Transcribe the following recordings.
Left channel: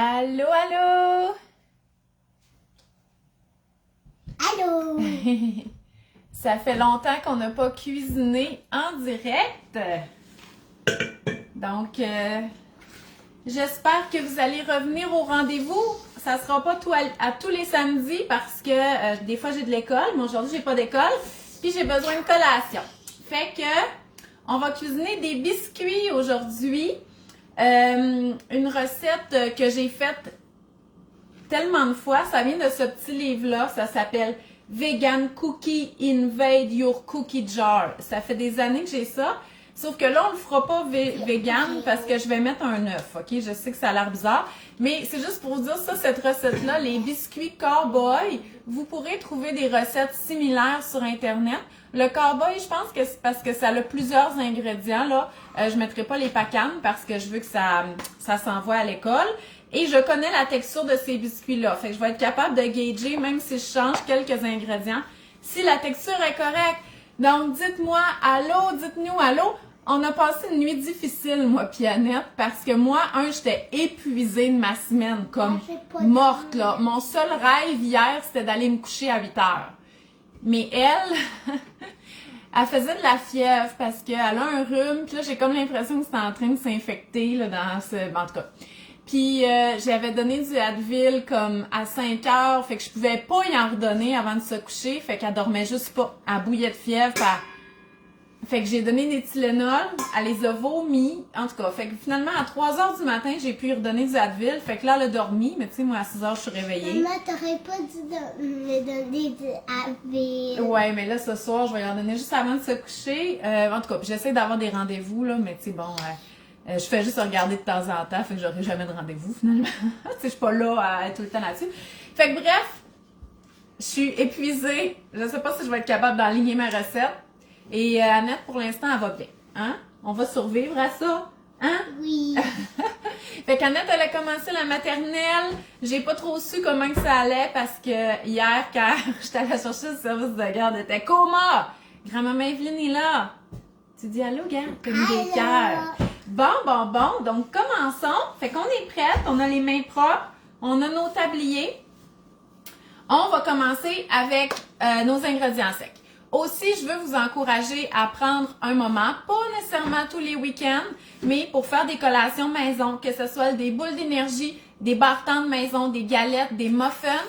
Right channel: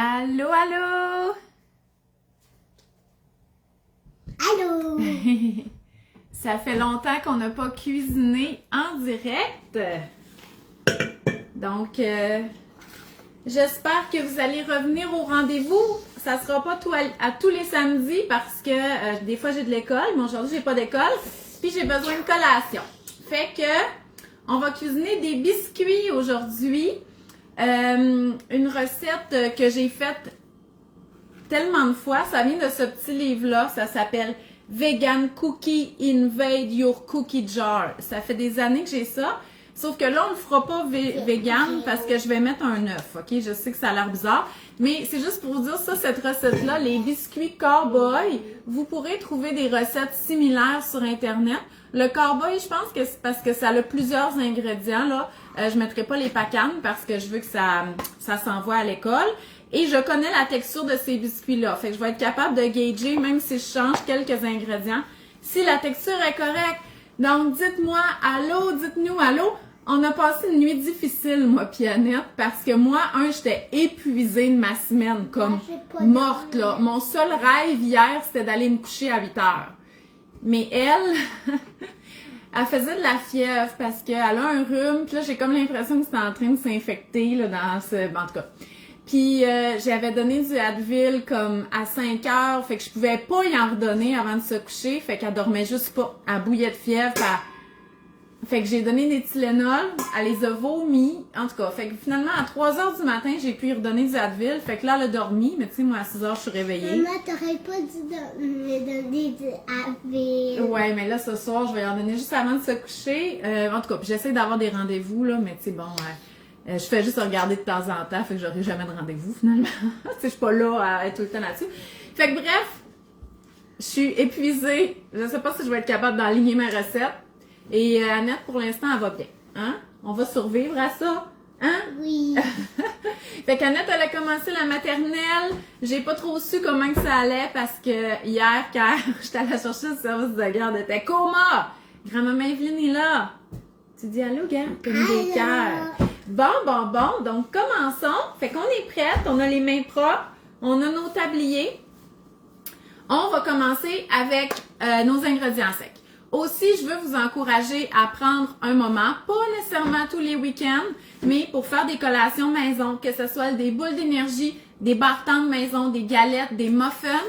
Allô, allô? Allô? Ça fait longtemps qu'on n'a pas cuisiné en direct. Donc, j'espère que vous allez revenir au rendez-vous. Ça sera pas à tous les samedis parce que des fois j'ai de l'école, mais aujourd'hui j'ai pas d'école. Puis j'ai besoin de collation. Fait que, on va cuisiner des biscuits aujourd'hui. Une recette que j'ai faite tellement de fois, ça vient de ce petit livre-là, ça s'appelle Vegan Cookie Invade Your Cookie Jar. Ça fait des années que j'ai ça, sauf que là on le fera pas vegan parce que je vais mettre un œuf, ok? Je sais que ça a l'air bizarre, mais c'est juste pour vous dire ça, cette recette-là, les biscuits Cowboy, vous pourrez trouver des recettes similaires sur Internet. Le Cowboy, je pense que c'est parce que ça a plusieurs ingrédients, là. Je mettrai pas les pacanes parce que je veux que ça s'envoie à l'école. Et je connais la texture de ces biscuits-là. Fait que je vais être capable de gager, même si je change quelques ingrédients, si la texture est correcte. Donc, dites-moi allô, dites-nous allô. On a passé une nuit difficile, moi puis Annette, parce que moi, j'étais épuisée de ma semaine, comme morte, là. Mon seul rêve hier, c'était d'aller me coucher à 8 heures. Mais elle, elle faisait de la fièvre parce qu'elle a un rhume. Puis là, j'ai comme l'impression que c'était en train de s'infecter, là, dans ce... En tout cas. Puis j'avais donné du Advil comme à 5 heures, fait que je pouvais pas y en redonner avant de se coucher, fait qu'elle dormait juste pas. Elle bouillait de fièvre, fait que j'ai donné des Tylenol, elle les a vomis, en tout cas. Fait que finalement, à 3 heures du matin, j'ai pu y redonner du Advil, fait que là, elle a dormi, mais tu sais, moi, à 6 heures, je suis réveillée. Maman, t'aurais pas dû me donner du Advil. Ouais, mais là, ce soir, je vais y en donner juste avant de se coucher. En tout cas, j'essaie d'avoir des rendez-vous, là, mais tu sais, bon... je fais juste regarder de temps en temps, fait que j'aurai jamais de rendez-vous finalement. Je suis pas là à être tout le temps là-dessus. Fait que bref, je suis épuisée. Je sais pas si je vais être capable d'aligner ma recette. Et Annette, pour l'instant, elle va bien. Hein? On va survivre à ça. Hein? Oui. Fait qu'Annette, elle a commencé la maternelle. J'ai pas trop su comment que ça allait parce que hier, quand j'étais allée chercher le service de garde, elle était coma. Grand-maman Evelyne est là. Tu dis allô, gars? T'as mis des cœurs. Bon. Donc, commençons. Fait qu'on est prête. On a les mains propres. On a nos tabliers. On va commencer avec nos ingrédients secs. Aussi, je veux vous encourager à prendre un moment, pas nécessairement tous les week-ends, mais pour faire des collations maison, que ce soit des boules d'énergie, des barres de maison, des galettes, des muffins.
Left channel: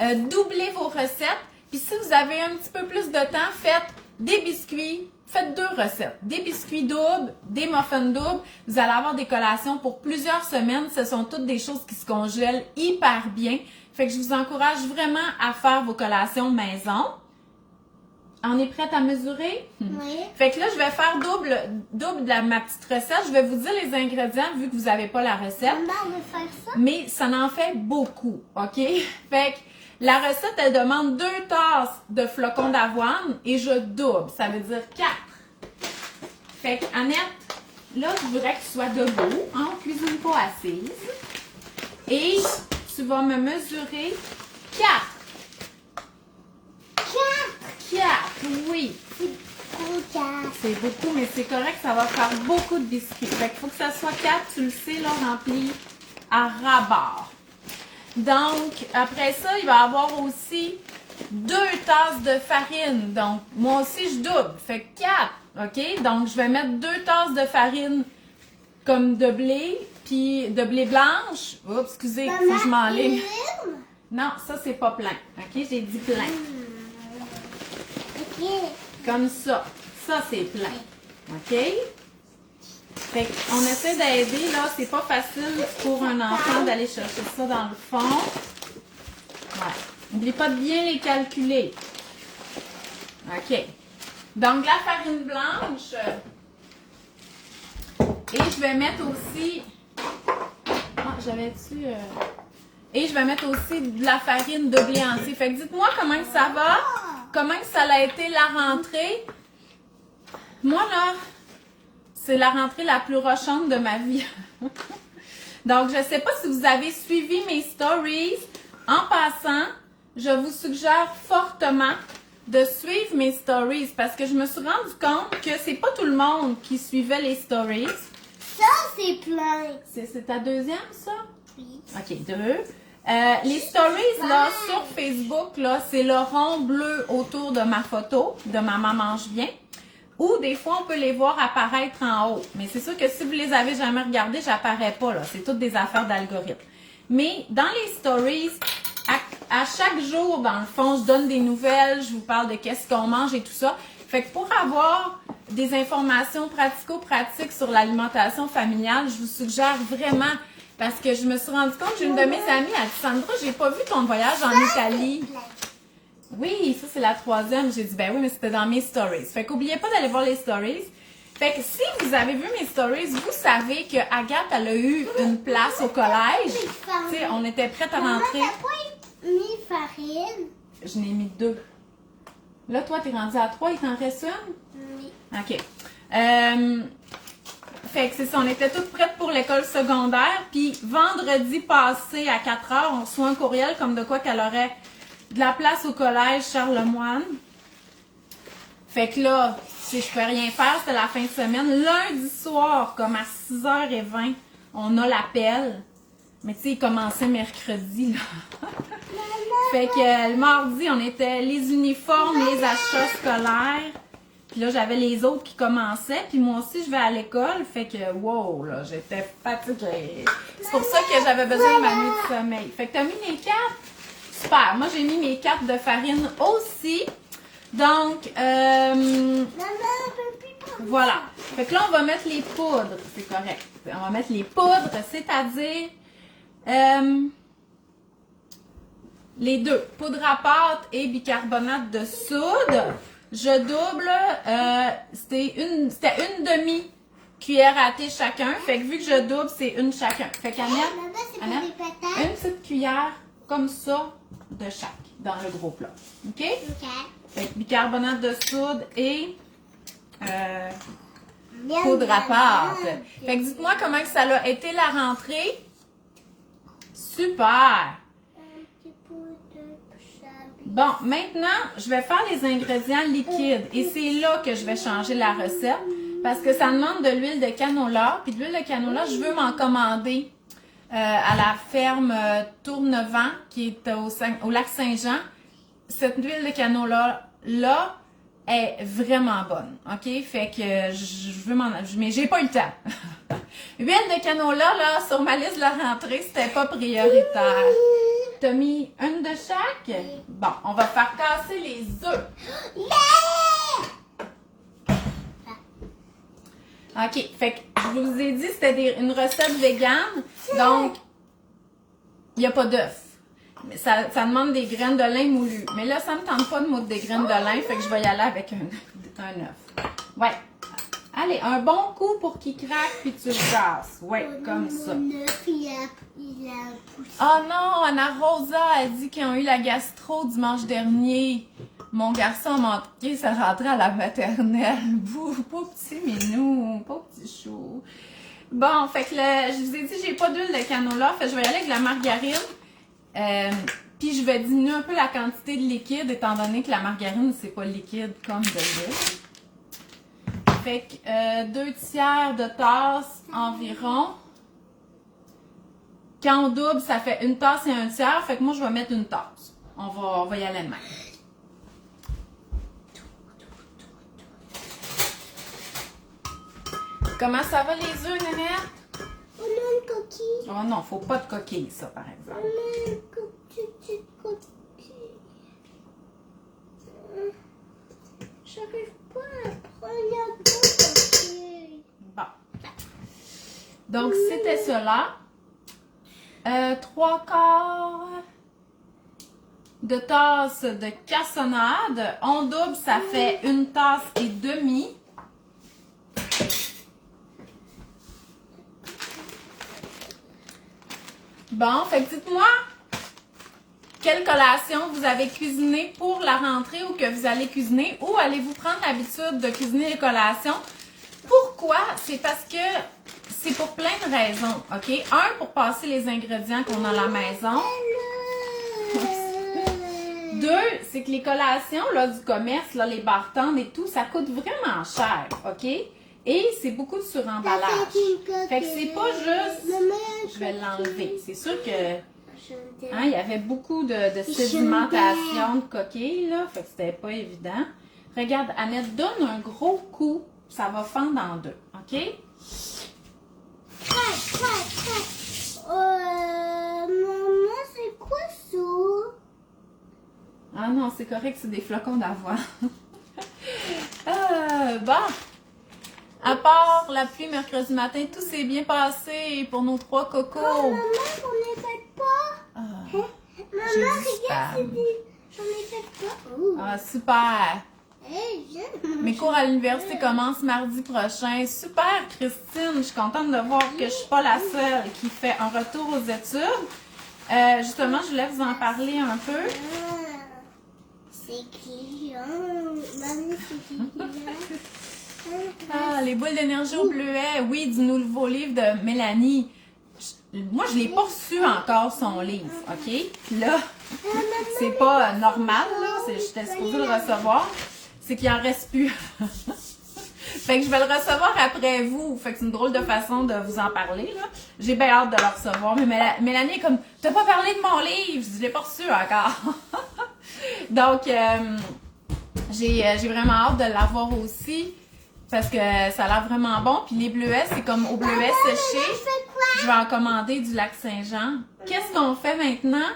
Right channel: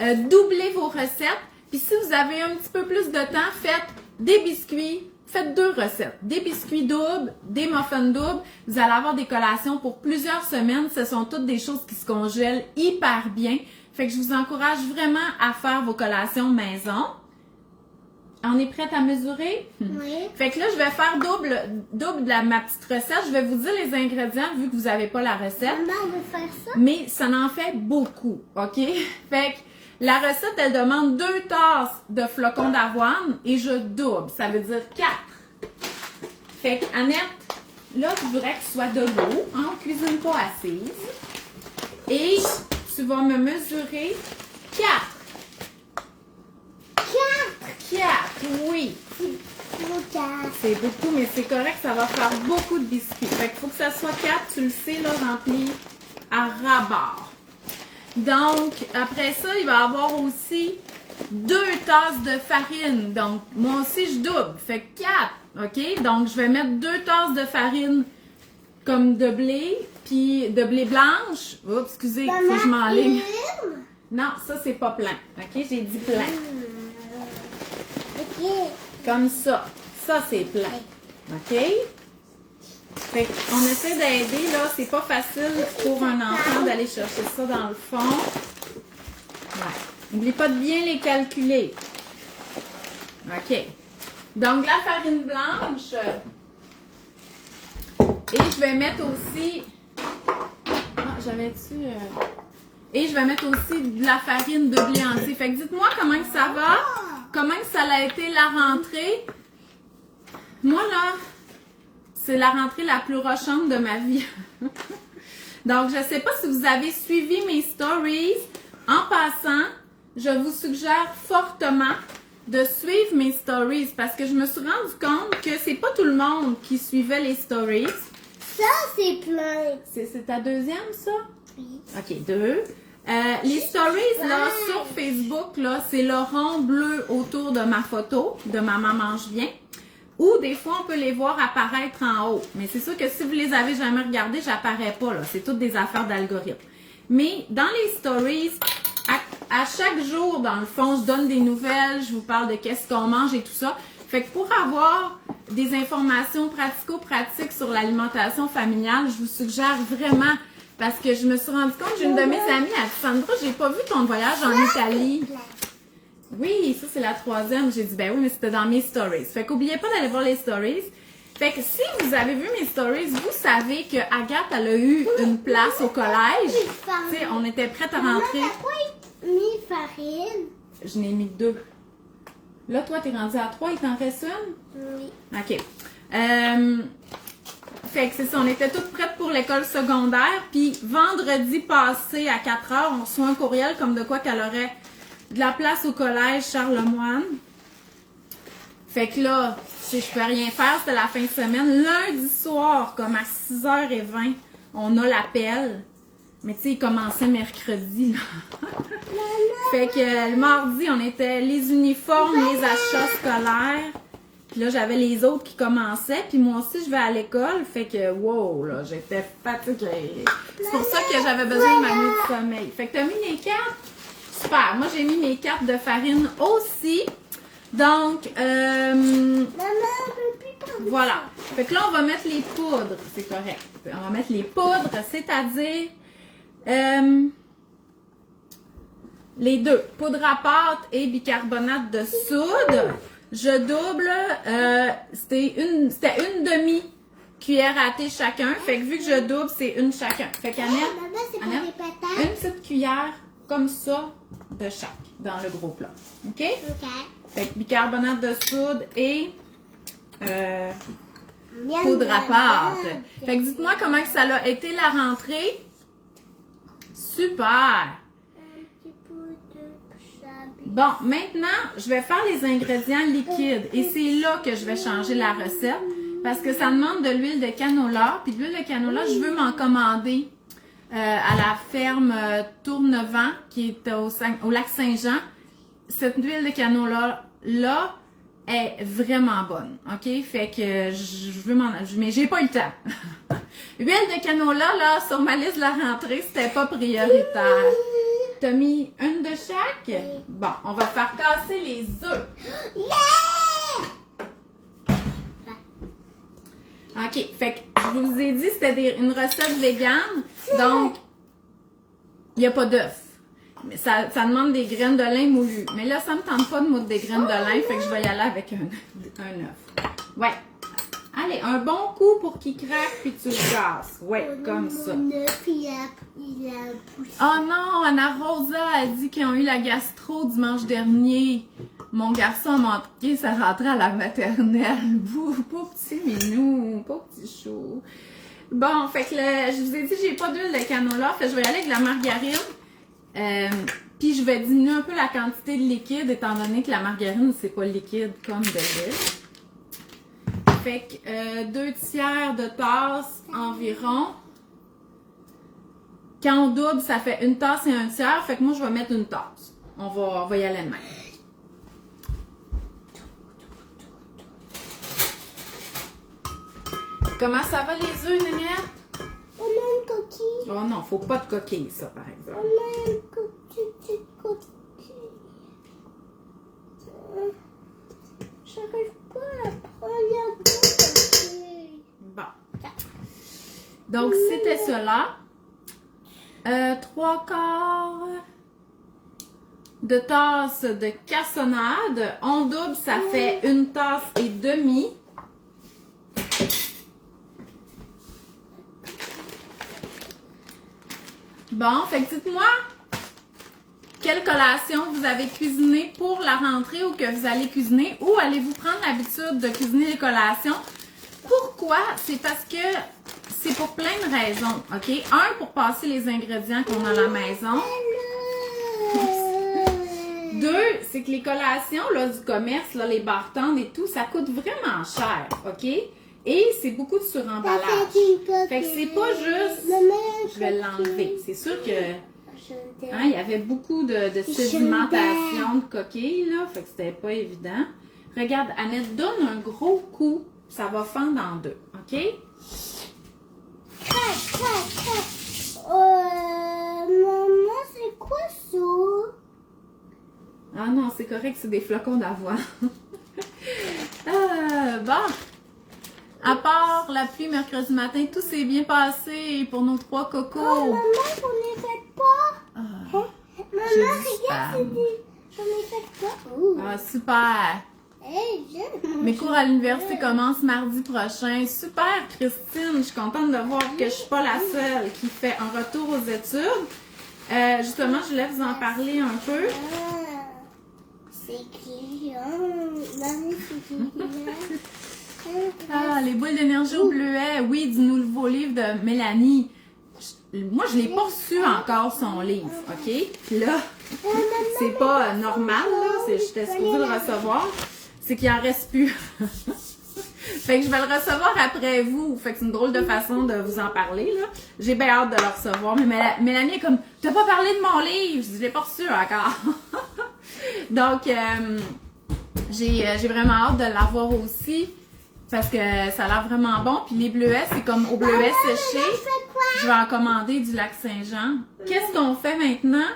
Doublez vos recettes. Puis si vous avez un petit peu plus de temps, faites des biscuits. Faites 2 recettes. Des biscuits doubles, des muffins doubles. Vous allez avoir des collations pour plusieurs semaines. Ce sont toutes des choses qui se congèlent hyper bien. Fait que je vous encourage vraiment à faire vos collations maison. On est prête à mesurer? Oui. Fait que là, je vais faire double de ma petite recette. Je vais vous dire les ingrédients vu que vous n'avez pas la recette. Maman, on veut faire ça? Mais ça en fait beaucoup, OK? Fait que la recette, elle demande 2 tasses de flocons d'avoine et je double. Ça veut dire 4. Fait que, Annette, là, je voudrais que tu sois debout. Hein? On cuisine pas assise. Et tu vas me mesurer 4. 4, oui. C'est beaucoup, mais c'est correct, ça va faire beaucoup de biscuits. Fait qu'il faut que ça soit 4, tu le sais, là, rempli à ras-bord. Donc, après ça, il va y avoir aussi 2 tasses de farine. Donc, moi aussi, je double. Fait que 4, OK? Donc, je vais mettre 2 tasses de farine comme de blé, puis de blé blanche. Oups, excusez, il faut que je m'enlève. Non, ça, c'est pas plein. OK? J'ai dit plein. OK. Comme ça. Ça, c'est plein. OK? Fait qu'on essaie d'aider, là. C'est pas facile pour un enfant d'aller chercher ça dans le fond. Ouais. N'oubliez pas de bien les calculer. OK. Donc, la farine blanche. Et je vais mettre aussi... Ah, j'avais-tu... Et je vais mettre aussi de la farine de blé entier. Fait que dites-moi comment que ça va. Comment que ça a été la rentrée. Moi, là, c'est la rentrée la plus rochante de ma vie. Donc, je ne sais pas si vous avez suivi mes stories. En passant, je vous suggère fortement de suivre mes stories parce que je me suis rendu compte que c'est pas tout le monde qui suivait les stories. Ça, c'est plein. C'est ta deuxième, ça? Oui. OK, 2. Les stories, là, sur Facebook, là, c'est le rond bleu autour de ma photo, de Maman mange bien. Ou des fois, on peut les voir apparaître en haut. Mais c'est sûr que si vous les avez jamais regardés, j'apparais pas, là. C'est toutes des affaires d'algorithme. Mais dans les stories, à chaque jour, dans le fond, je donne des nouvelles, je vous parle de qu'est-ce qu'on mange et tout ça. Fait que pour avoir des informations pratico-pratiques sur l'alimentation familiale, je vous suggère vraiment, parce que je me suis rendu compte, j'ai une de mes amies, elle dit, Sandra, j'ai pas vu ton voyage en Italie. Oui, ça c'est la 3e. J'ai dit, ben oui, mais c'était dans mes stories. Fait qu'oubliez pas d'aller voir les stories. Fait que si vous avez vu mes stories, vous savez que Agathe, elle a eu une place au collège. Tu sais, on était prête à rentrer. Maman, t'as pas mis farine? Je n'ai mis 2. Là, toi, t'es rendu à 3, il t'en reste une? Oui. OK. Fait que c'est ça, on était toutes prêtes pour l'école secondaire. Puis vendredi passé à 4 heures, on reçoit un courriel comme de quoi qu'elle aurait de la place au collège Charlemagne. Fait que là, si je peux rien faire, c'était la fin de semaine. Lundi soir, comme à 6h20, on a l'appel. Mais tu sais, il commençait mercredi, là. Fait que le mardi, on était les uniformes, les achats scolaires. Puis là, j'avais les autres qui commençaient. Puis moi aussi, je vais à l'école. Fait que, wow, là, j'étais fatiguée. C'est pour ça que j'avais besoin de ma nuit de sommeil. Fait que t'as mis les cartes? Super. Moi, j'ai mis mes cartes de farine aussi. Donc, Maman, on peut plus prendre. voilà. Fait que là, on va mettre les poudres. C'est correct. On va mettre les poudres, c'est-à-dire les deux. Poudre à pâte et bicarbonate de soude. Je double. C'était une demi-cuillère à thé chacun. Fait que vu que je double, c'est une chacun. Fait qu'Annette, Maman, c'est pas Annette, des patates? une petite cuillère comme ça de chaque dans le gros plat. OK? Ok. Fait que bicarbonate de soude et Miam, poudre à miam, pâte. miam. Fait que dites-moi comment que ça a été la rentrée. Super! Un petit peu de chabi. Bon, maintenant, je vais faire les ingrédients liquides. Et c'est là que je vais changer la recette. Parce que ça demande de l'huile de canola. Puis de l'huile de canola, je veux m'en commander à la ferme Tournevent, qui est au lac Saint-Jean. Cette huile de canola-là est vraiment bonne. OK? Fait que je veux m'en... Mais j'ai pas eu le temps. Huile de canola, là, sur ma liste de la rentrée, c'était pas prioritaire. T'as mis une de chaque? Bon, on va faire casser les œufs. OK. Fait que je vous ai dit, c'était une recette végane. Donc, il n'y a pas d'œufs. Ça demande des graines de lin moulues. Mais là, ça me tente pas de moudre des graines de lin, fait que je vais y aller avec un œuf. Ouais. Allez, un bon coup pour qu'il craque puis tu le casses. Ouais, comme ça. Mon œuf, il a poussé. Oh non, Anna Rosa a dit qu'ils ont eu la gastro dimanche dernier. Mon garçon m'a dit ça rentrait à la maternelle. Bouh, pas petit minou, pas petit chou. Bon, fait que là, je vous ai dit, j'ai pas d'huile de canola, fait que je vais y aller avec de la margarine. Puis je vais diminuer un peu la quantité de liquide, étant donné que la margarine, c'est pas liquide comme de l'huile. Fait que 2 tiers de tasse environ. Quand on double, ça fait 1 tasse et 1 tiers. Fait que moi, je vais mettre 1 tasse. On va y aller de même. Comment ça va les œufs, Nénette? On a une coquille. Oh non, faut pas de coquille, ça, par exemple. On a une petite coquille. J'arrive pas à prendre la coquille. Bon. Donc, c'était cela. 3/4 de tasse de cassonade. On double, ça fait 1 tasse et demie. Bon, fait que dites-moi quelle collation vous avez cuisiné pour la rentrée ou que vous allez cuisiner, ou allez-vous prendre l'habitude de cuisiner les collations. Pourquoi? C'est parce que c'est pour plein de raisons, OK? Un, pour passer les ingrédients qu'on a à la maison. 2, c'est que les collations là, du commerce, là, les bartendes et tout, ça coûte vraiment cher, OK? Et c'est beaucoup de Ça suremballage. fait une coquille. Fait que c'est pas juste... Maman, Je vais l'enlever. C'est sûr que... Je Hein, il y avait beaucoup de sédimentation de coquilles, là. Fait que c'était pas évident. Regarde, Annette, donne un gros coup. Ça va fendre en deux. OK? Crac, crac, crac. Maman, c'est quoi ça? Ah non, c'est correct, c'est des flocons d'avoine. Bon. À part la pluie mercredi matin, tout s'est bien passé pour nos 3 cocos. Oh, maman, j'en ai fait pas. Ah, Maman, j'ai du regarde, spam. c'est des... J'en ai fait pas. Oh. Ah, super. Hey, j'aime. Mes cours à l'université commencent mardi prochain. Super, Christine. Je suis contente de voir que je suis pas la seule qui fait un retour aux études. Justement, je voulais vous en parler un peu. Ah, c'est client. Maman, c'est client. Ah, les boules d'énergie au bleuet. Oui, du nouveau livre de Mélanie. Moi, je l'ai pas reçu encore, son livre, OK? Puis là, c'est pas normal, là. J'étais supposée le recevoir. C'est qu'il en reste plus. Fait que je vais le recevoir après vous. Fait que c'est une drôle de façon de vous en parler, là. J'ai bien hâte de le recevoir. Mais Mélanie est comme, t'as pas parlé de mon livre. Je l'ai pas reçu encore. Donc, j'ai vraiment hâte de l'avoir aussi. Parce que ça a l'air vraiment bon. Puis les bleuets, c'est comme au bleuet séché. Je vais en commander du lac Saint-Jean. Qu'est-ce qu'on fait maintenant?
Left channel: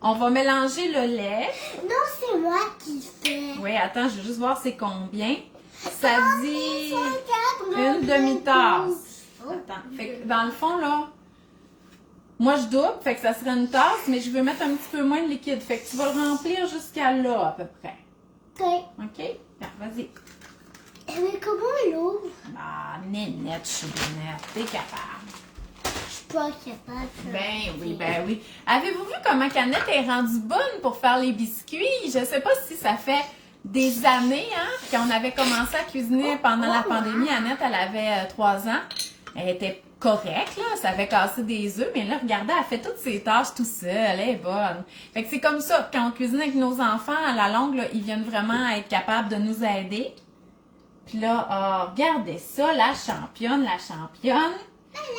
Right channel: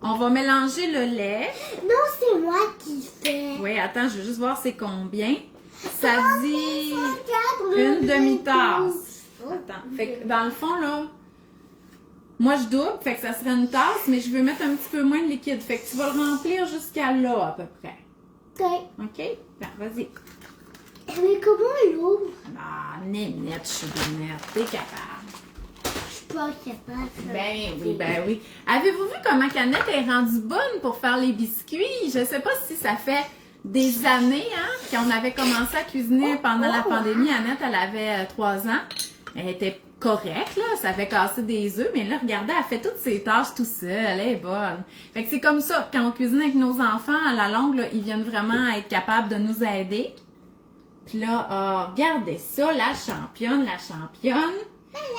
On va mélanger le lait. Non, c'est moi qui fais. Oui, attends, je vais juste voir c'est combien. Ça dit Regarde, une demi-tasse. Oh. Attends, fait que dans le fond, là, moi je double, fait que ça serait une tasse, mais je vais mettre un petit peu moins de liquide. Fait que tu vas le remplir jusqu'à là, à peu près. Ok. OK? Ben, vas-y. Mais comment on l'ouvre? Ah, Nénette, je suis Nénette, t'es capable. Je suis pas capable. Ben oui. Avez-vous vu comment Annette est rendue bonne pour faire les biscuits? Je sais pas si ça fait des années, hein, qu'on avait commencé à cuisiner pendant la pandémie. Annette, elle avait 3 ans. Elle était correcte, là. Ça avait cassé des œufs, mais là, regardez, elle fait toutes ses tâches tout seule. Elle est bonne. Fait que c'est comme ça. Quand on cuisine avec nos enfants, à la longue, là, ils viennent vraiment être capables de nous aider. Puis là, regardez ça, la championne.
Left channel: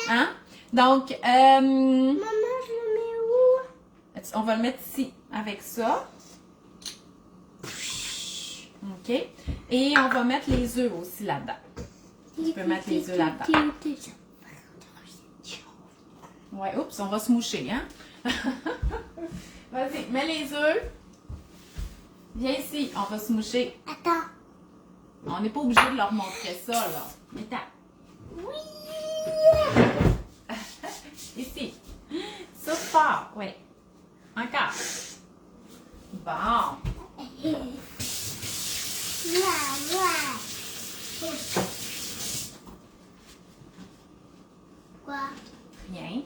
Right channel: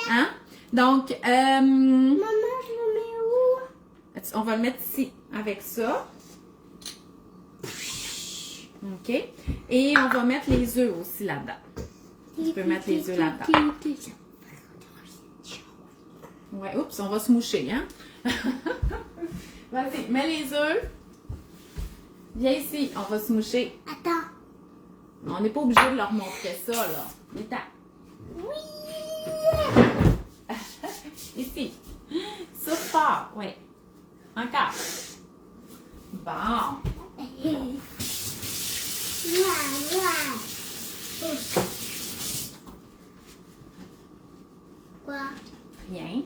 Hein? Donc, Maman, je le mets où? on va le mettre ici, avec ça. OK? Et on va mettre les œufs aussi là-dedans. Tu peux mettre les œufs là-dedans. Ouais, oups, on va se moucher, hein? Vas-y, mets les œufs. Viens ici, on va se moucher. Attends. On n'est pas obligé de leur montrer ça, là. Attends. Oui! Ici. Souffle fort, oui. Encore. Bon. Quoi? Bien.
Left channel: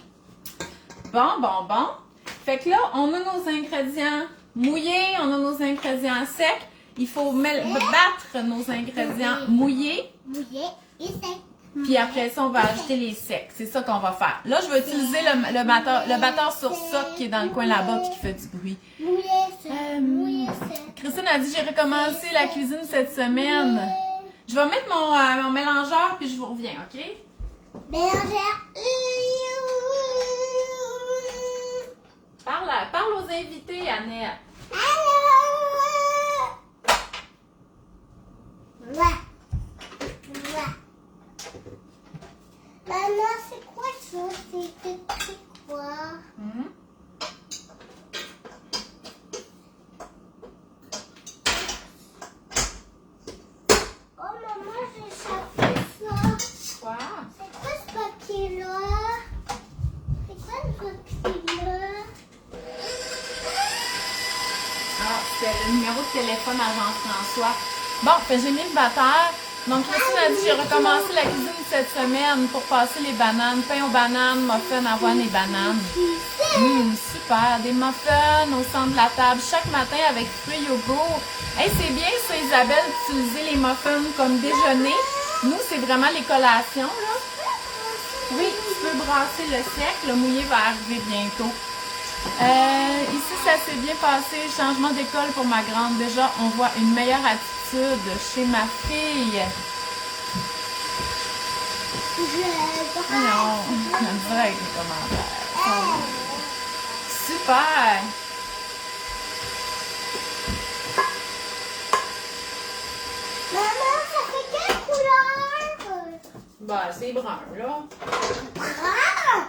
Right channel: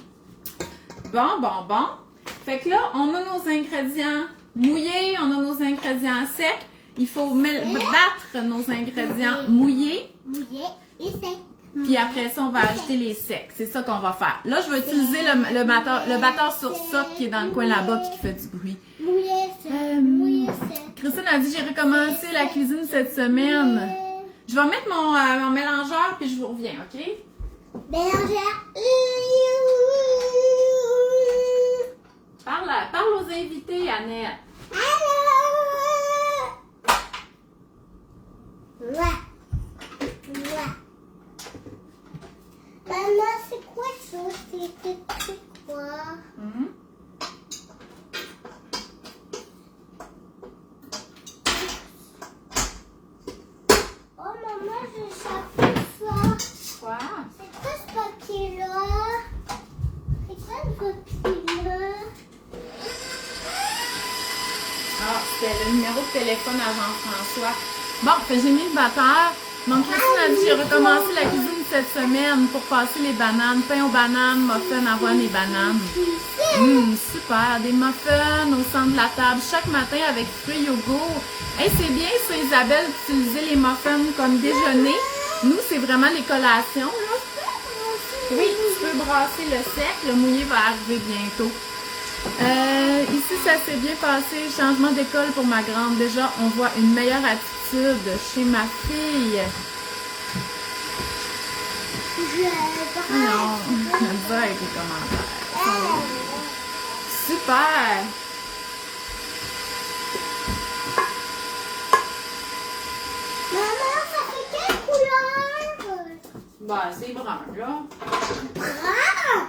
Bon. Fait que là, on a nos ingrédients mouillés, on a nos ingrédients secs. Il faut battre nos ingrédients mouillés. Mouillé et sec. Puis après ça, on va ajouter les secs. C'est ça qu'on va faire. Là, je vais utiliser le batteur sur socle qui est dans le coin là-bas et qui fait du bruit. Mouillé sec. Mouillé sec. Christine a dit j'ai recommencé la cuisine cette semaine. Je vais mettre mon mélangeur puis je vous reviens, OK? Bergère. Parle aux invités, Annette. Maman, c'est quoi ça? C'est quoi? Oh maman, j'ai échappé ça. Quoi? C'est quoi ce papier-là? C'est quoi ce papier-là? Ah, c'était le numéro de téléphone à Jean-François. Bon, fait que j'ai mis le batteur. Donc, Christine a dit j'ai recommencé la cuisine cette semaine pour passer les bananes. Pain aux bananes, muffins, avoine et bananes. Super. Des muffins au centre de la table chaque matin avec fruits yogourt. Hey, c'est bien ça, Isabelle, d'utiliser les muffins comme déjeuner. Nous, c'est vraiment les collations, là. Oui, tu peux brasser le sec. Le mouillé va arriver bientôt. Ici, ça s'est bien passé. Changement d'école pour ma grande. Déjà, on voit une meilleure attitude chez ma fille. Non, j'aime pas avec les commentaires. Super! Maman, ça fait quelle couleur? Bah, c'est brun, là. Ah!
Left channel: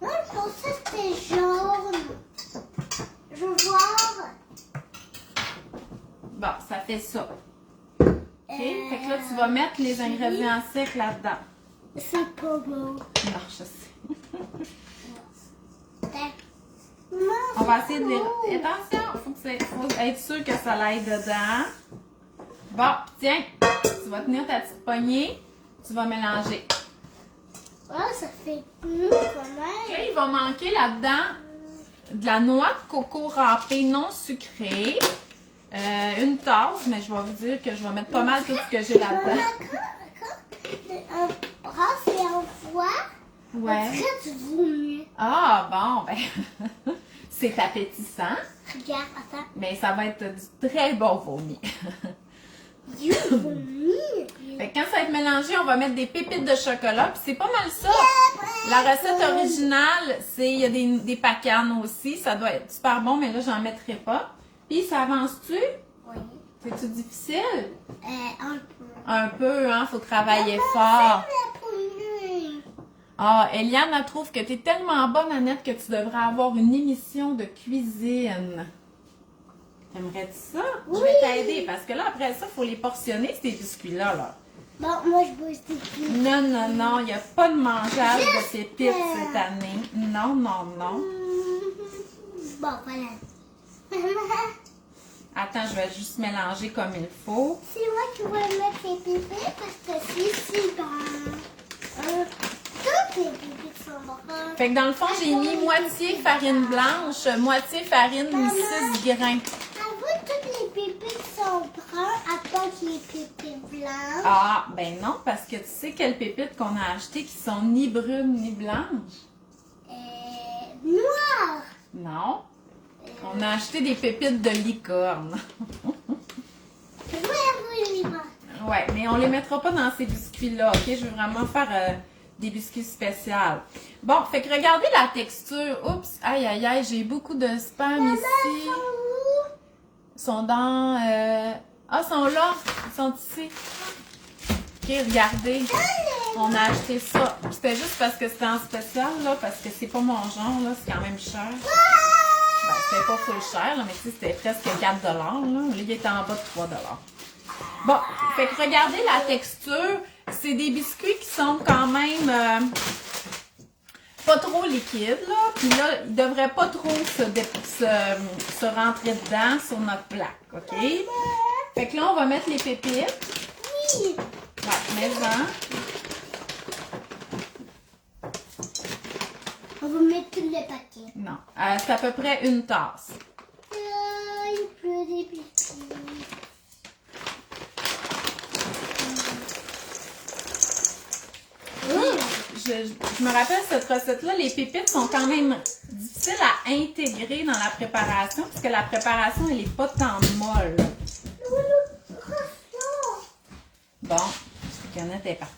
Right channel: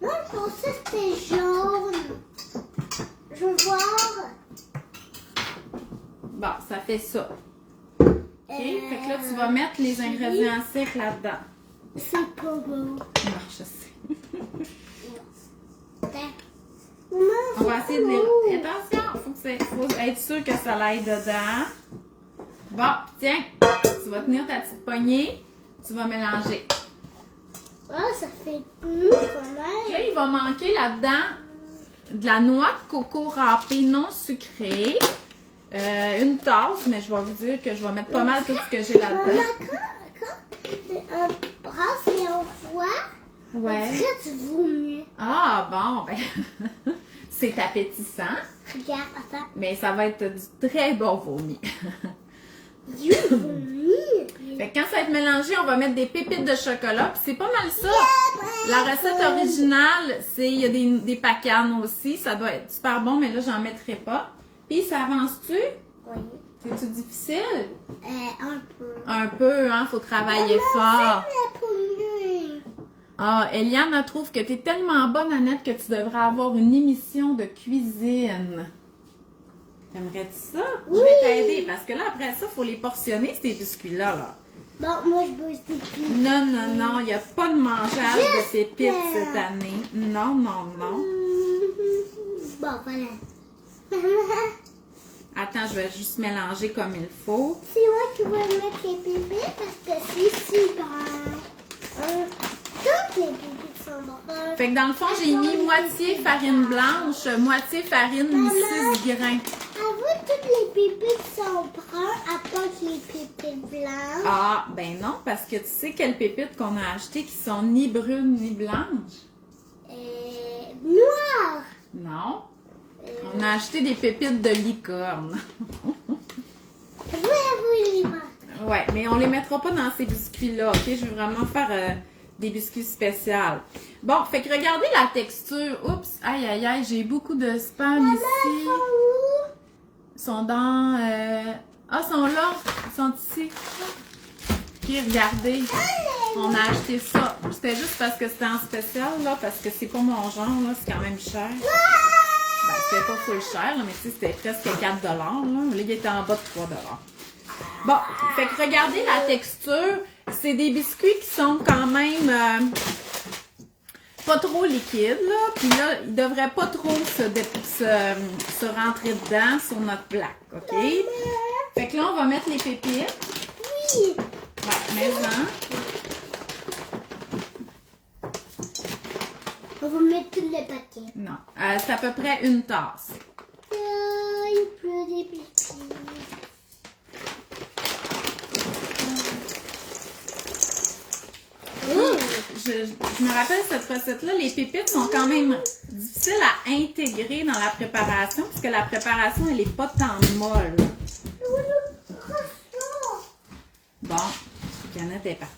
Moi, je pensais que c'était jaune. Je veux voir. Bon, ça fait ça. OK? Fait que là, tu vas mettre les ingrédients secs là-dedans. C'est pas beau. Non, je sais. Maman, On va essayer de les... beau. Attention, faut être sûr que ça aille dedans. Bon, tiens, tu vas tenir ta petite poignée. Tu vas mélanger. Ah, ça fait mou quand OK, même. il va manquer là-dedans de la noix de coco râpée non sucrée. Une tasse, mais je vais vous dire que je vais mettre pas mal tout ce que j'ai là-dedans. Maman, quand un brasse et un foie, Ouais. après tu vomis. Ah, bon, ben, c'est appétissant, Regarde, attends. mais ça va être du très bon vomi. You vomis. Fait que quand ça va être mélangé, on va mettre des pépites de chocolat. Puis c'est pas mal ça. La recette originale, c'est il y a des pacanes aussi. Ça doit être super bon, mais là, j'en mettrai pas. Puis ça avance-tu? Oui. C'est-tu difficile? Un peu. Un peu, hein? Faut travailler fort. La poignée. Ah, Eliane, elle trouve que t'es tellement bonne, Annette, que tu devrais avoir une émission de cuisine. T'aimerais-tu ça? Je vais Oui. t'aider parce que là, après ça, il faut les portionner, ces biscuits-là. Là. Bon, moi je bouge des pieds. Non, non, non, il n'y a pas de mangeage de pépites cette année. Non, non, non. Bon, voilà. Attends, je vais juste mélanger comme il faut. C'est moi qui vais mettre les bébés parce que c'est si brun. Toutes les bébés sont bruns. Fait que dans le fond, j'ai mis moitié farine blanche, moitié farine 6 grains. Avoue, toutes les bébés sont bruns à part les bébés blancs. Ah, ben non, parce que tu sais quelles pépites qu'on a achetées qui sont ni brunes ni blanches? Noirs. Non. On a acheté des pépites de licorne. Je vais avouer les noirs. Ouais, mais on les mettra pas dans ces biscuits-là, ok? Je veux vraiment faire des biscuits spéciaux. Bon, fait que regardez la texture. Oups, aïe, aïe, aïe, j'ai beaucoup de spam ici. Ils sont dans... Ah, ils sont là. Ils sont ici. Ok, regardez. On a acheté ça. C'était juste parce que c'était en spécial, là, parce que c'est pas mon genre, là. C'est quand même cher. Ben, c'était pas full cher, là, mais tu sais, c'était presque 4 $, là. Là, il était en bas de 3 $. Bon, fait que regardez la texture. C'est des biscuits qui sont quand même pas trop liquides, là. Puis là, ils devraient pas trop se rentrer dedans sur notre plaque, OK? Fait que là, on va mettre les pépites. Oui. Ouais, mais-en. On va mettre tous les paquets. Non, c'est à peu près une tasse. Il pleut des biscuits. Je me rappelle cette recette-là, les pépites sont quand même difficiles à intégrer dans la préparation, parce que la préparation, elle n'est pas tant molle. Bon, Canette est partie.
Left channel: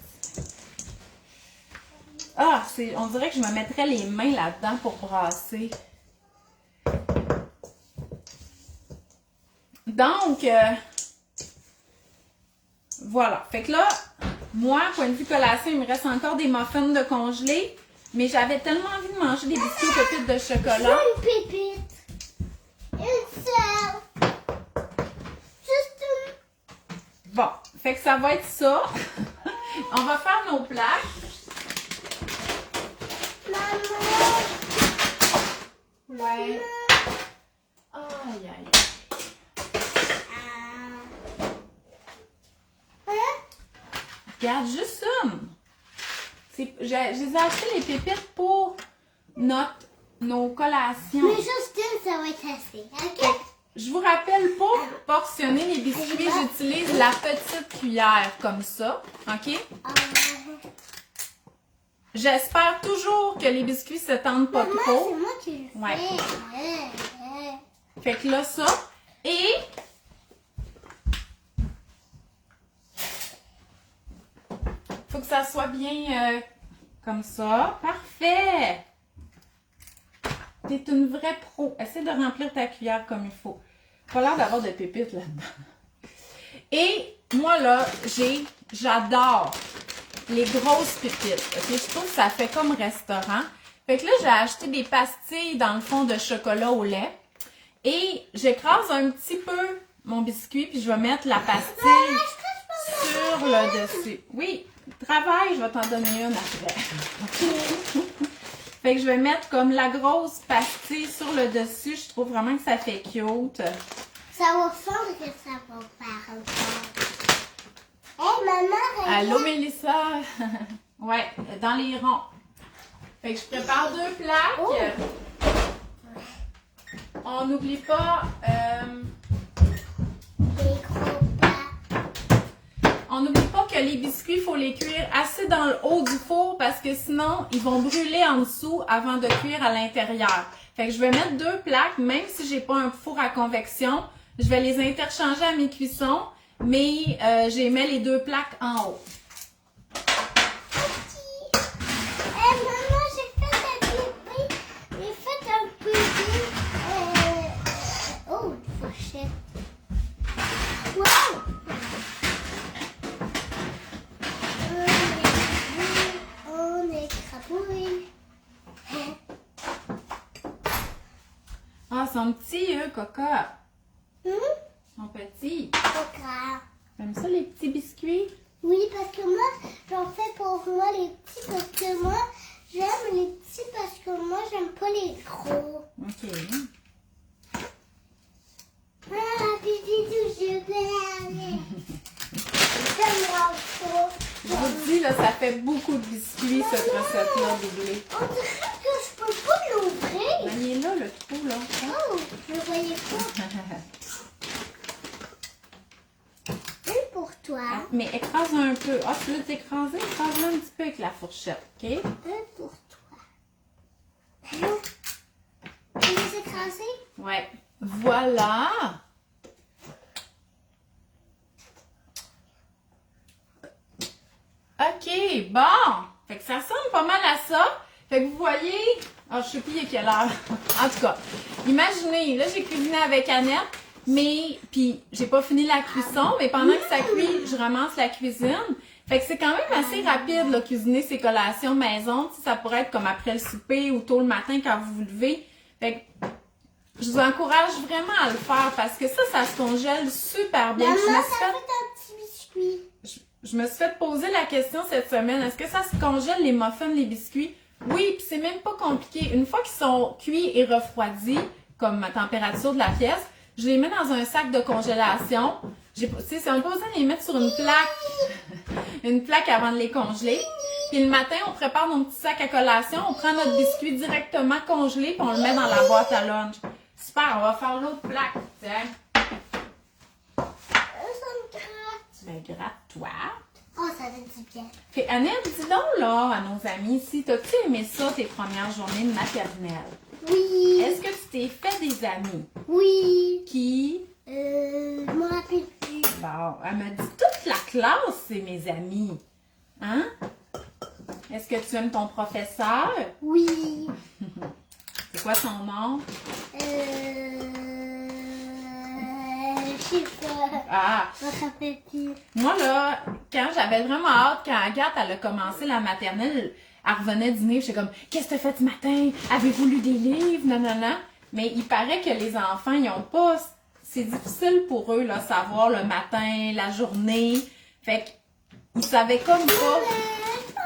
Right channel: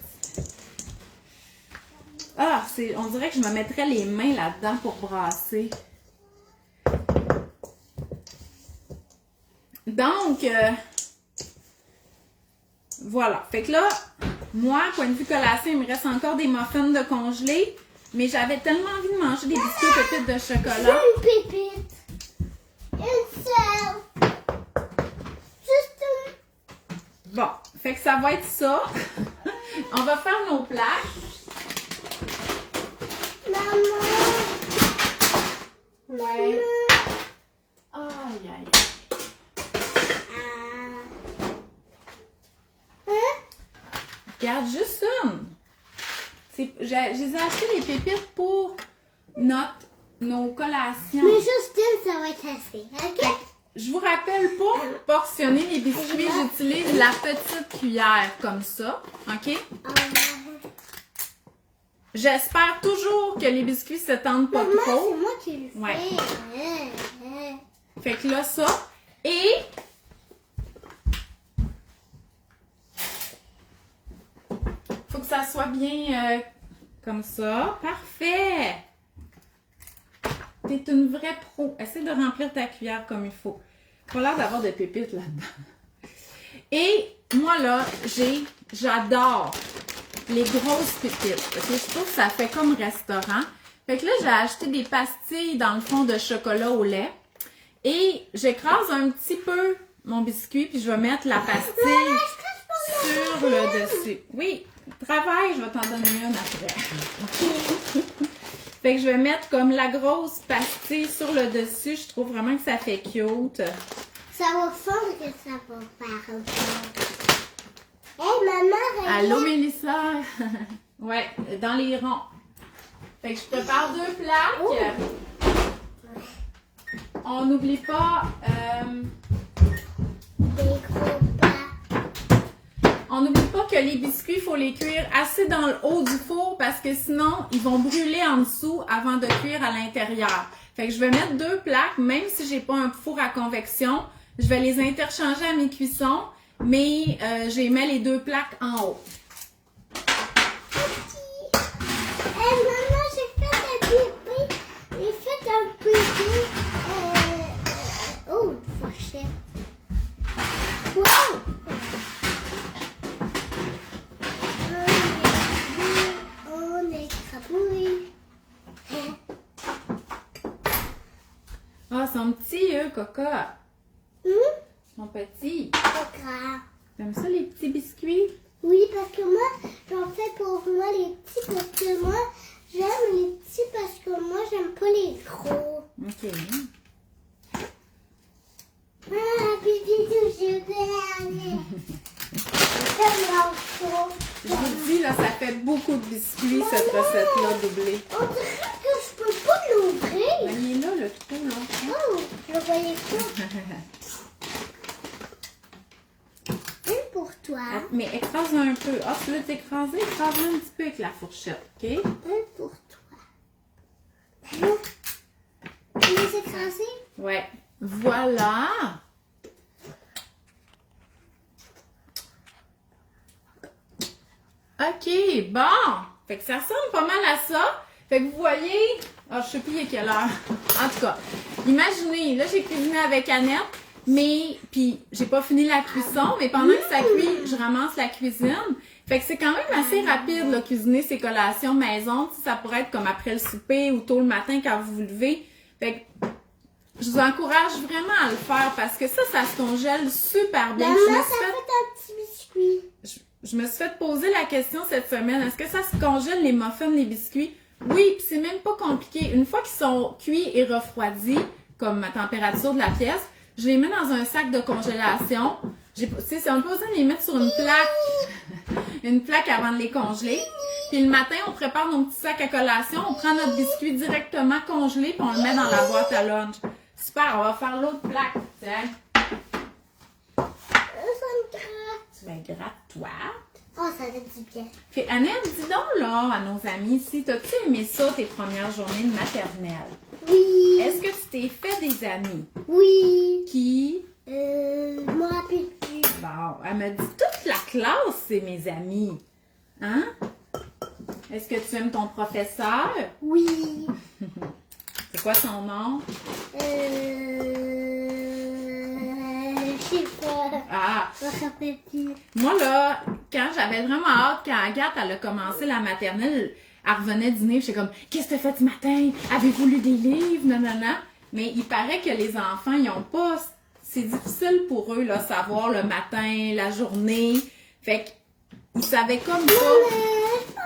Ah, on dirait que je me mettrais les mains là-dedans pour brasser. Donc, voilà. Fait que là, moi, point de vue collation, il me reste encore des muffins de congelés, mais j'avais tellement envie de manger des biscuits aux pépites de chocolat. Une pépite. Une seule. Juste une. Bon, fait que ça va être ça. On va faire nos plaques. Maman. Ouais. Aïe, aïe. Regarde, juste une. Je les ai acheté les pépites pour nos collations. Mais juste une, ça va être assez. OK? Je vous rappelle, pour portionner les biscuits, j'utilise la petite cuillère comme ça. OK? j'espère toujours que les biscuits se tendent pas Maman, trop. c'est moi qui le fais. Ouais. Ouais. Fait que là, ça. Et faut que ça soit bien comme ça. Parfait! T'es une vraie pro. Essaie de remplir ta cuillère comme il faut. Pas l'air d'avoir de pépites là-dedans. Et moi, là, j'adore les grosses pépites. Okay? Je trouve que ça fait comme restaurant. Fait que là, j'ai acheté des pastilles dans le fond de chocolat au lait. Et j'écrase un petit peu mon biscuit, puis je vais mettre la pastille sur le dessus. Oui, travail, je vais t'en donner une après. Fait que je vais mettre comme la grosse pastille sur le dessus. Je trouve vraiment que ça fait cute. Ça va fondre que ça va faire encore. Hey, maman, regarde. Allô, Mélissa? Ouais, dans les ronds. Fait que je prépare 2 plaques. Oh. On n'oublie pas... Des gros pas. On n'oublie pas que les biscuits, il faut les cuire assez dans le haut du four parce que sinon, ils vont brûler en dessous avant de cuire à l'intérieur. Fait que je vais mettre 2 plaques, même si j'ai pas un four à convection. Je vais les interchanger à mes cuissons, mais j'ai mis les 2 plaques en haut. Hey, maman, j'ai fait un bébé. J'ai fait un bébé. Oh, une fourchette. Wow! On est crapouille. Ah, ils sont petits, eux, Coca. Hum? Ils sont petits. Pas grave. T'aimes ça, les petits biscuits? Oui, parce que moi, j'en fais pour moi les petits parce que moi, j'aime les petits parce que moi, j'aime pas les gros. OK. Ah, bisous, je vais aller. Tellement chaud. Je vous dis, là, ça fait beaucoup de biscuits, cette recette-là, doublée. On dirait que je peux pas l'ouvrir. Ben, il est là, le trou, là. Oh, je le voyais pas. Une pour toi. Mais écrase un peu. Ah, tu l'as écrasé? Écrase-le un petit peu avec la fourchette, OK? Une pour toi. Allô? Tu les écrasé? Ouais. Voilà! OK, bon! Fait que ça ressemble pas mal à ça. Fait que vous voyez... Ah, je sais plus il est quelle heure. En tout cas, imaginez, là, j'ai cuisiné avec Annette, mais... Puis, j'ai pas fini la cuisson, mais pendant que ça cuit, je ramasse la cuisine. Fait que c'est quand même assez rapide, là, cuisiner ces collations maison. Tu sais, ça pourrait être comme après le souper ou tôt le matin quand vous vous levez. Fait que... Je vous encourage vraiment à le faire parce que ça se congèle super bien. Maman, Je me ça suis fait fait- un petit biscuit. je me suis fait poser la question cette semaine. Est-ce que ça se congèle les muffins, les biscuits? Oui, puis c'est même pas compliqué. Une fois qu'ils sont cuits et refroidis, comme ma température de la pièce, je les mets dans un sac de congélation. Tu sais, on n'a pas besoin de les mettre sur une plaque avant de les congeler. Puis le matin, on prépare nos petits sacs à collation, on prend notre biscuit directement congelé puis on le met dans la boîte à lunch. Super, on va faire l'autre plaque. Tiens, Ça me gratte. tu me grattes toi. Oh, ça fait du bien. Puis Annette, dis donc là à nos amis ici, t'as-tu aimé ça tes premières journées de maternelle? Oui. Est-ce que tu t'es fait des amis? Oui. Qui? Je me rappelle plus. Bon, elle m'a dit toute la classe, c'est mes amis. Hein? Est-ce que tu aimes ton professeur? Oui. C'est quoi son nom? Je sais pas. Ah! Je me rappelle plus. Moi, là, quand j'avais vraiment hâte, quand Agathe, elle a commencé la maternelle, elle revenait dîner, j'étais comme, qu'est-ce que tu as fait ce matin? Avez-vous lu des livres? Non, non, non. Mais il paraît que les enfants, ils ont pas, c'est difficile pour eux, là, savoir le matin, la journée. Fait qu'ils savaient comme pas.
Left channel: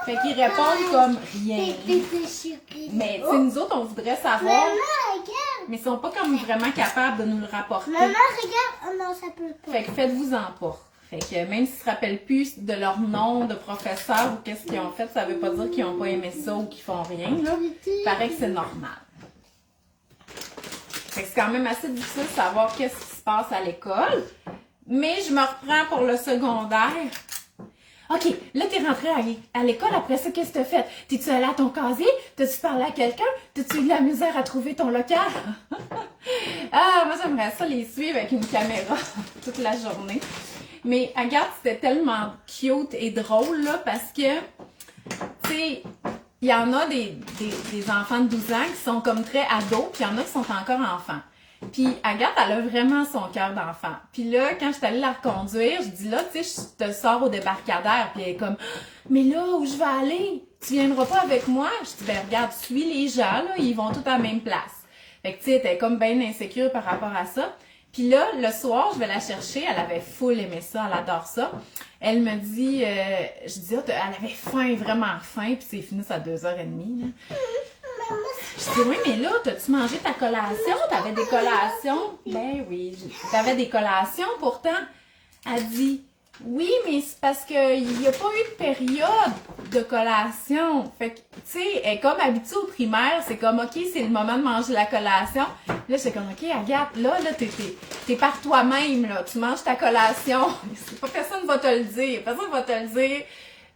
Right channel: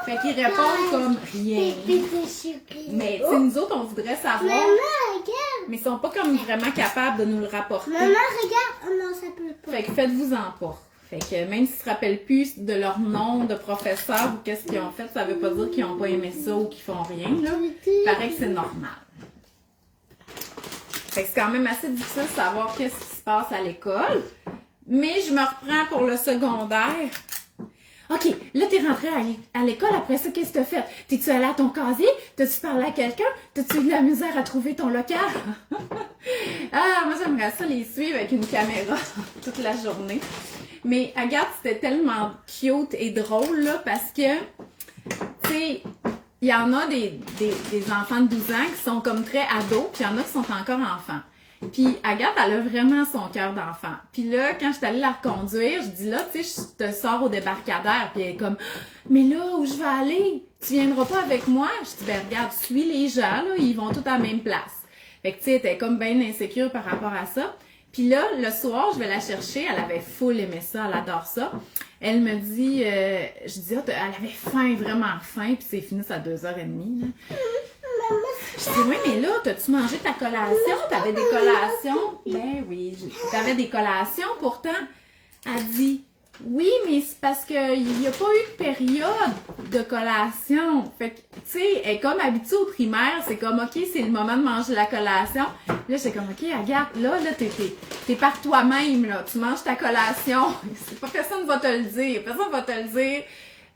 Fait qu'ils répondent comme rien. Mais, tu sais, nous autres, on voudrait savoir. Maman, regarde. Mais ils sont pas comme vraiment capables de nous le rapporter. Maman, regarde. Oh non, ça peut pas. Fait que faites-vous-en pas. Fait que même s'ils se rappellent plus de leur nom de professeur ou qu'est-ce qu'ils ont fait, ça veut pas dire qu'ils ont pas aimé ça ou qu'ils font rien, là. Il paraît que c'est normal. Fait que c'est quand même assez difficile de savoir qu'est-ce qui se passe à l'école. Mais je me reprends pour le secondaire. OK, là, t'es rentrée à l'école, après ça, qu'est-ce que t'as fait? T'es-tu allée à ton casier? T'as-tu parlé à quelqu'un? T'as-tu eu de la misère à trouver ton local? Ah, moi, j'aimerais ça les suivre avec une caméra toute la journée. Mais Agathe, c'était tellement cute et drôle, là, parce que, tu sais, il y en a des enfants de 12 ans qui sont comme très ados, puis il y en a qui sont encore enfants. Puis Agathe, elle a vraiment son cœur d'enfant. Puis là, quand je suis allée la reconduire, je dis là, tu sais, je te sors au débarcadère. Puis elle est comme, mais là, où je vais aller? Tu viendras pas avec moi? Je dis, ben regarde, suis les gens, là, ils vont tous à la même place. Fait que tu sais, elle était comme bien insécure par rapport à ça. Puis là, le soir, je vais la chercher. Elle avait full aimé ça, elle adore ça. Elle me dit, je dis, elle avait faim, vraiment faim. Puis c'est fini à 2h30. Là. Je dis, oui, mais là, t'as-tu mangé ta collation? T'avais des collations? Ben oui, t'avais des collations pourtant. Elle dit, oui, mais c'est parce qu'il n'y a pas eu de période de collation. Fait que, tu sais, elle est comme habituée au primaire, c'est comme, OK, c'est le moment de manger la collation. Là, j'étais comme, OK, Agathe, là, t'es par toi-même, là. Tu manges ta collation. Personne va te le dire. Personne va te le dire.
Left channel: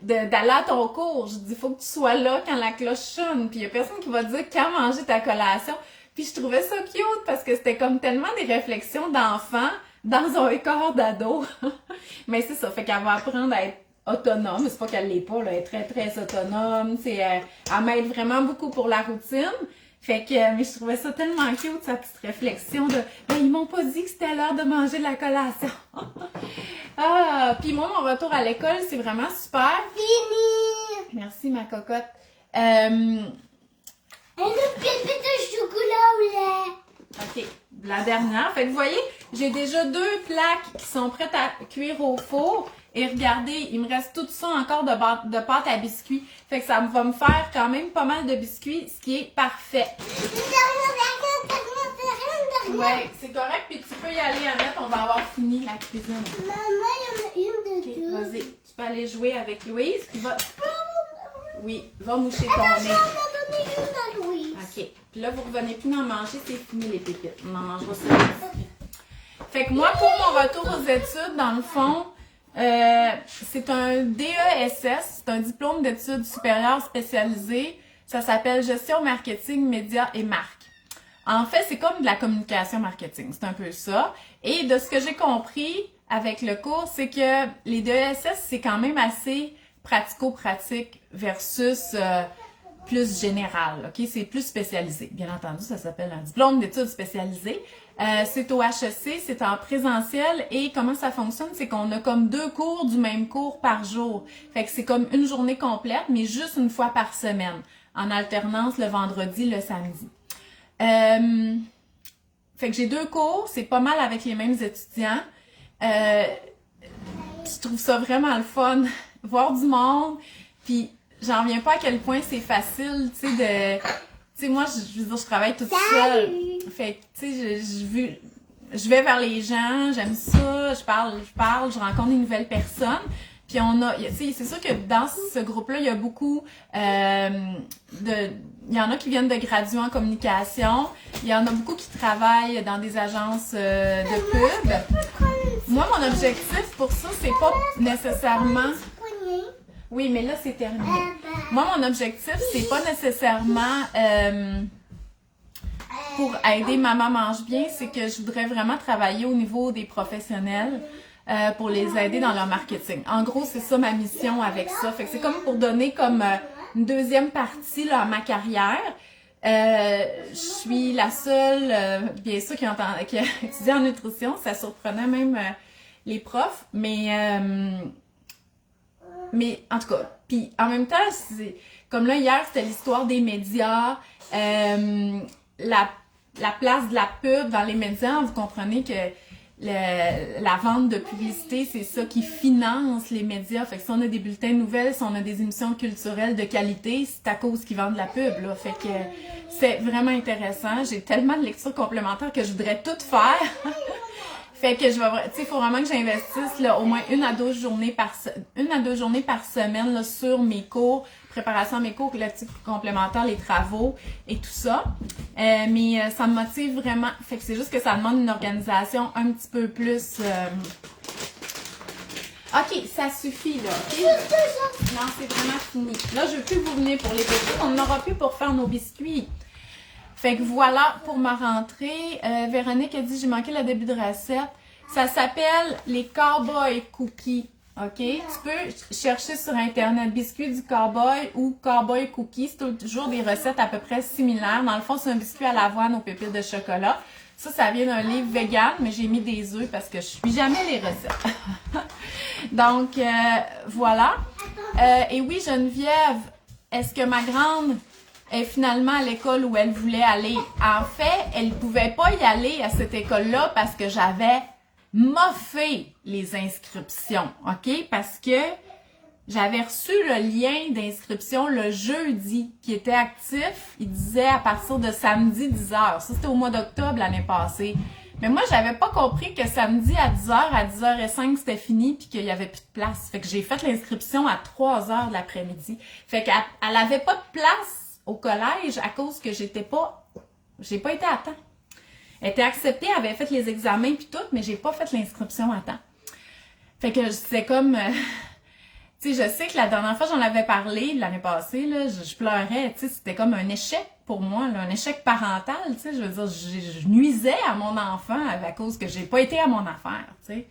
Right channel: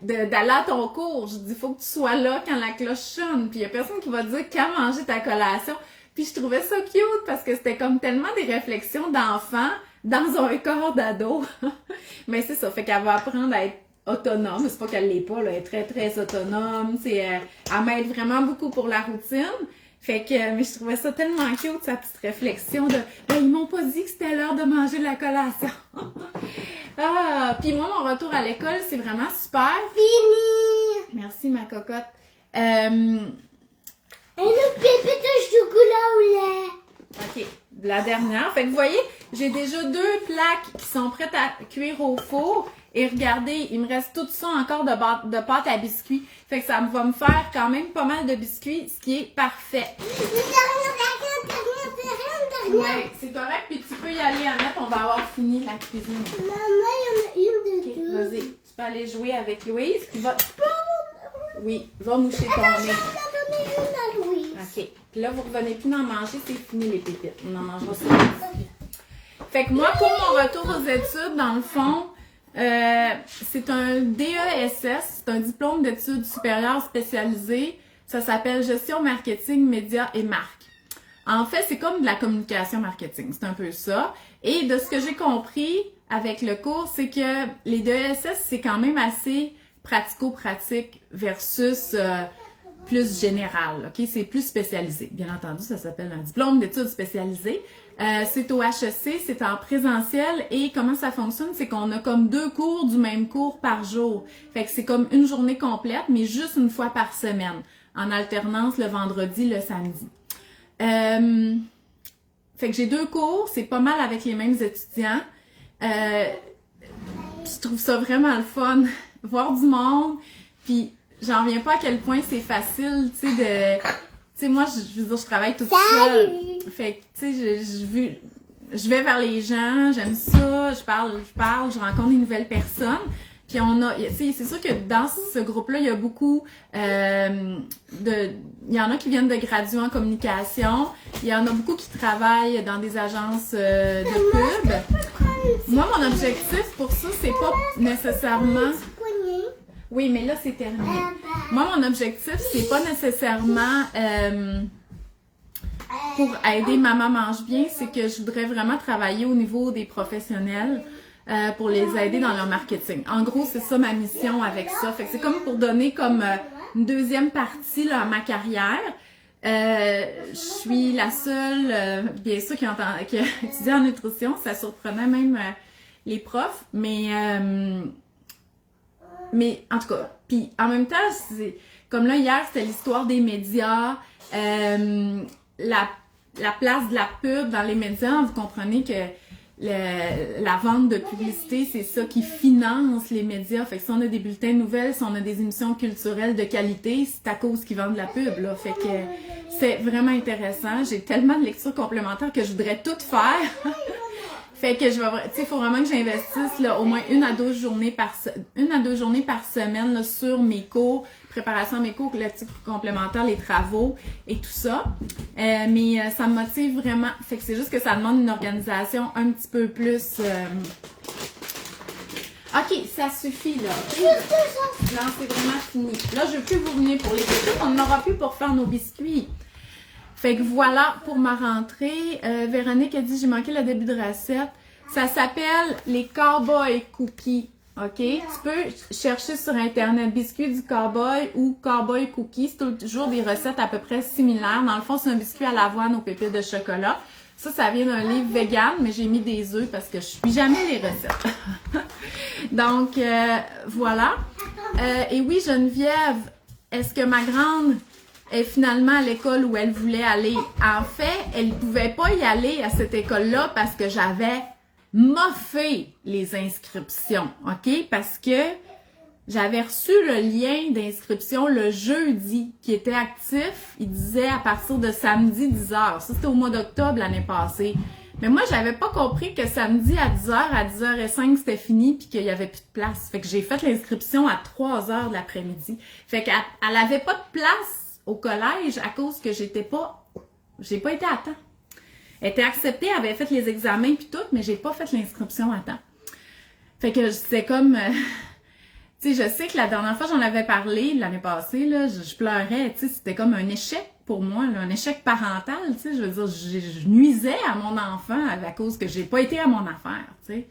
D'aller à ton cours. Je dis, faut que tu sois là quand la cloche sonne. Puis il y a personne qui va te dire quand manger ta collation. Puis je trouvais ça cute parce que c'était comme tellement des réflexions d'enfants dans un corps d'ado. Mais c'est ça, fait qu'elle va apprendre à être autonome. C'est pas qu'elle l'est pas, là. Elle est très, très autonome. Elle m'aide vraiment beaucoup pour la routine. Fait que, mais je trouvais ça tellement cute, sa petite réflexion de « Ben, ils m'ont pas dit que c'était l'heure de manger la collation. » Ah, puis moi, mon retour à l'école, c'est vraiment super. Fini! Merci, ma cocotte. Et le bébé de chocolat au lait. OK, la dernière. Fait que vous voyez, j'ai déjà 2 plaques qui sont prêtes à cuire au four. Et regardez, il me reste tout ça encore de pâte à biscuits. Fait que ça va me faire quand même pas mal de biscuits, ce qui est parfait. Ouais, c'est correct, puis tu peux y aller, Annette, on va avoir fini la cuisine. Maman, il y en a une de deux. Vas-y, tu peux aller jouer avec Louise, puis va... Oui, va moucher ton nez. On m'a donné une à Louise. OK, puis là, vous revenez plus d'en manger, c'est fini les pépites. On en mangera ça. Fait que moi, pour mon retour aux études, dans le fond, c'est un DESS, c'est un diplôme d'études supérieures spécialisées. Ça s'appelle Gestion Marketing, Médias et Marques. En fait, c'est comme de la communication marketing, c'est un peu ça. Et de ce que j'ai compris avec le cours, c'est que les DESS, c'est quand même assez pratico-pratique versus plus général, ok? C'est plus spécialisé. Bien entendu, ça s'appelle un diplôme d'études spécialisées. C'est au HEC, c'est en présentiel et comment ça fonctionne, c'est qu'on a comme 2 cours du même cours par jour. Fait que c'est comme une journée complète, mais juste une fois par semaine, en alternance le vendredi, le samedi. Fait que j'ai 2 cours, c'est pas mal avec les mêmes étudiants. Je trouve ça vraiment le fun, voir du monde, puis j'en reviens pas à quel point c'est facile, tu sais, tu sais, moi, je veux dire, je travaille toute seule. Fait que, tu sais, je vais vers les gens, j'aime ça, je parle, je rencontre des nouvelles personnes. Puis on a, tu sais, c'est sûr que dans ce groupe-là, il y a beaucoup il y en a qui viennent de graduer en communication, il y en a beaucoup qui travaillent dans des agences de pub. Moi, mon objectif pour ça, c'est pas nécessairement... Oui, mais là, c'est terminé. Moi, mon objectif, c'est pas nécessairement pour aider Maman mange bien, c'est que je voudrais vraiment travailler au niveau des professionnels pour les aider dans leur marketing. En gros, c'est ça ma mission avec ça. Fait que c'est comme pour donner comme une deuxième partie là, à ma carrière. Je suis la seule, bien sûr, qui a étudié en nutrition. Ça surprenait même les profs, mais en tout cas, puis en même temps, comme là hier, c'était l'histoire des médias, la place de la pub dans les médias. Vous comprenez que la vente de publicité, c'est ça qui finance les médias. Fait que si on a des bulletins de nouvelles, si on a des émissions culturelles de qualité, c'est à cause qu'ils vendent de la pub, là. Fait que c'est vraiment intéressant. J'ai tellement de lectures complémentaires que je voudrais tout faire. Fait que tu sais, il faut vraiment que j'investisse là, au moins 1 à 2 journées par semaine là, sur mes cours, préparation à mes cours, lectures complémentaires, les travaux et tout ça. Mais ça me motive vraiment. Fait que c'est juste que ça demande une organisation un petit peu plus OK, ça suffit, là. Juste ça. Non, c'est vraiment fini. Là, je veux plus vous venir pour les biscuits. On n'aura plus pour faire nos biscuits. Fait que voilà pour ma rentrée. Véronique a dit, j'ai manqué le début de recette. Ça s'appelle les Cowboy Cookies. OK? Tu peux chercher sur Internet biscuits du cowboy ou cowboy cookies. C'est toujours des recettes à peu près similaires. Dans le fond, c'est un biscuit à l'avoine aux pépites de chocolat. Ça vient d'un livre vegan, mais j'ai mis des œufs parce que je suis jamais les recettes. Donc, voilà. Et oui, Geneviève, est-ce que ma grande est finalement à l'école où elle voulait aller? En fait, elle ne pouvait pas y aller à cette école-là parce que j'avais moffé les inscriptions, OK? Parce que j'avais reçu le lien d'inscription le jeudi qui était actif. Il disait à partir de samedi 10h. Ça, c'était au mois d'octobre l'année passée. Mais moi, j'avais pas compris que samedi à 10h, à 10h05, c'était fini puis qu'il y avait plus de place. Fait que j'ai fait l'inscription à 3h de l'après-midi. Fait qu'elle avait pas de place au collège à cause que j'ai pas été à temps. Elle était acceptée, elle avait fait les examens puis tout, mais j'ai pas fait l'inscription à temps. Fait que c'était comme... tu sais, je sais que la dernière fois, j'en avais parlé l'année passée, là, je pleurais, tu sais, c'était comme un échec pour moi, là, un échec parental, tu sais, je veux dire, je nuisais à mon enfant à cause que j'ai pas été à mon affaire, tu sais.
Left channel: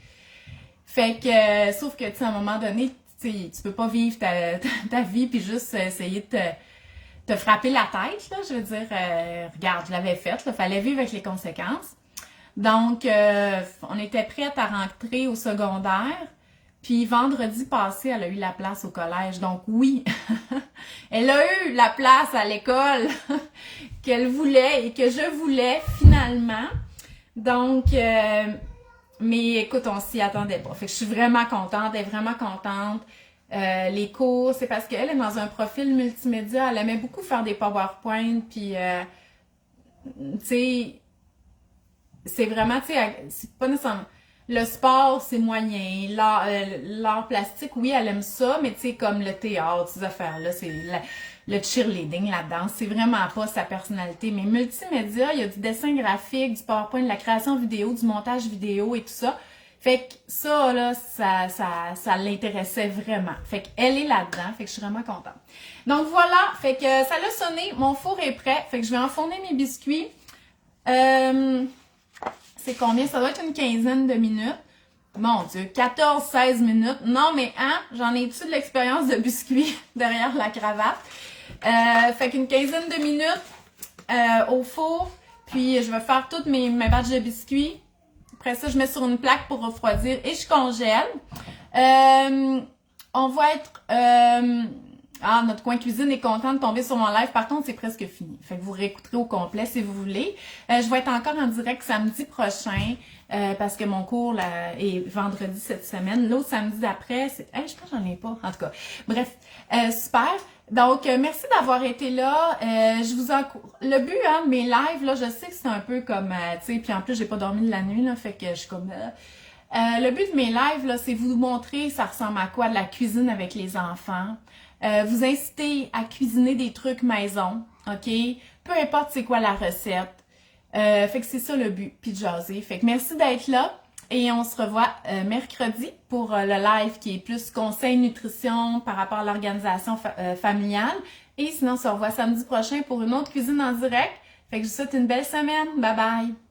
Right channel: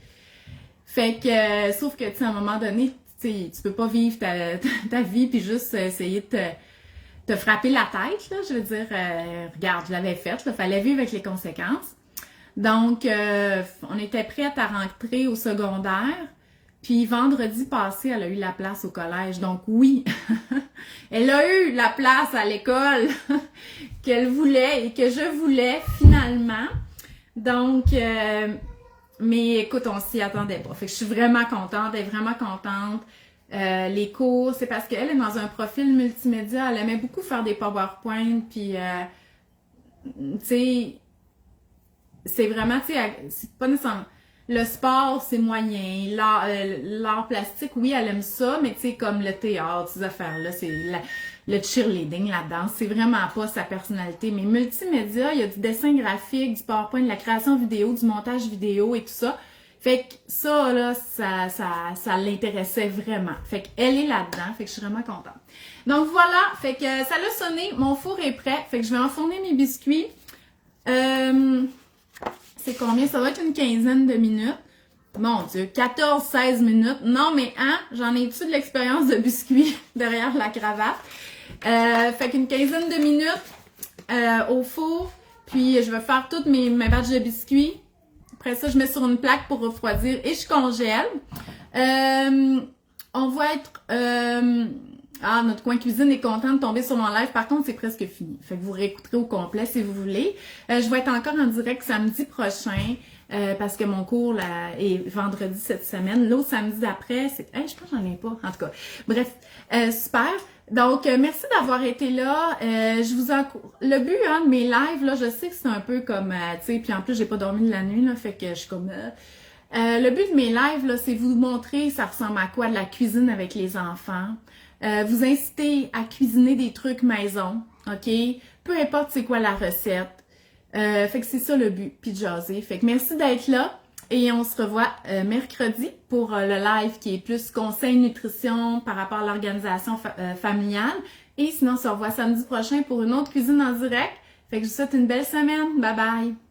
Fait que, sauf que, tu sais, à un moment donné, tu sais, tu peux pas vivre ta vie puis juste essayer de te frapper la tête, là, je veux dire, regarde, je l'avais faite, il fallait vivre avec les conséquences. Donc, on était prête à rentrer au secondaire. Puis vendredi passé, elle a eu la place au collège. Donc oui, elle a eu la place à l'école qu'elle voulait et que je voulais finalement. Donc, mais écoute, on s'y attendait pas. Fait que je suis vraiment contente, elle est vraiment contente. Les cours, c'est parce qu'elle est dans un profil multimédia. Elle aimait beaucoup faire des PowerPoint. Puis, tu sais, c'est vraiment, tu sais, c'est pas nécessairement... Le sport, c'est moyen. L'art plastique, oui, elle aime ça, mais tu sais, comme le théâtre, ces affaires-là, c'est le cheerleading, la danse, c'est vraiment pas sa personnalité. Mais multimédia, il y a du dessin graphique, du PowerPoint, de la création vidéo, du montage vidéo et tout ça. Fait que ça, là, ça l'intéressait vraiment. Fait qu'elle est là-dedans, fait que je suis vraiment contente. Donc voilà, fait que ça l'a sonné, mon four est prêt, fait que je vais enfourner mes biscuits. C'est combien? Ça va être une quinzaine de minutes. Mon Dieu, 14-16 minutes. Non, mais hein, j'en ai-tu de l'expérience de biscuits derrière la cravate? Fait qu'une quinzaine de minutes au four. Puis je vais faire toutes mes batchs de biscuits. Après ça, je mets sur une plaque pour refroidir et je congèle. On va être... notre coin cuisine est content de tomber sur mon live. Par contre, c'est presque fini. Fait que vous réécouterez au complet si vous voulez. Je vais être encore en direct samedi prochain parce que mon cours là, est vendredi cette semaine. L'autre samedi d'après, c'est... je pense que j'en ai pas. En tout cas, bref, super. Donc, merci d'avoir été là. Je vous encourage. Le but de mes lives, là, je sais que c'est un peu comme... tu sais, puis en plus, j'ai pas dormi de la nuit, là, fait que je suis comme... le but de mes lives, là, c'est vous montrer ça ressemble à quoi de la cuisine avec les enfants. Vous inciter à cuisiner des trucs maison, OK? Peu importe c'est quoi la recette. Fait que c'est ça le but, puis de jaser. Fait que merci d'être là et on se revoit mercredi pour le live qui est plus conseil nutrition par rapport à l'organisation familiale. Et sinon, on se revoit samedi prochain pour une autre cuisine en direct. Fait que je vous souhaite une belle semaine. Bye bye!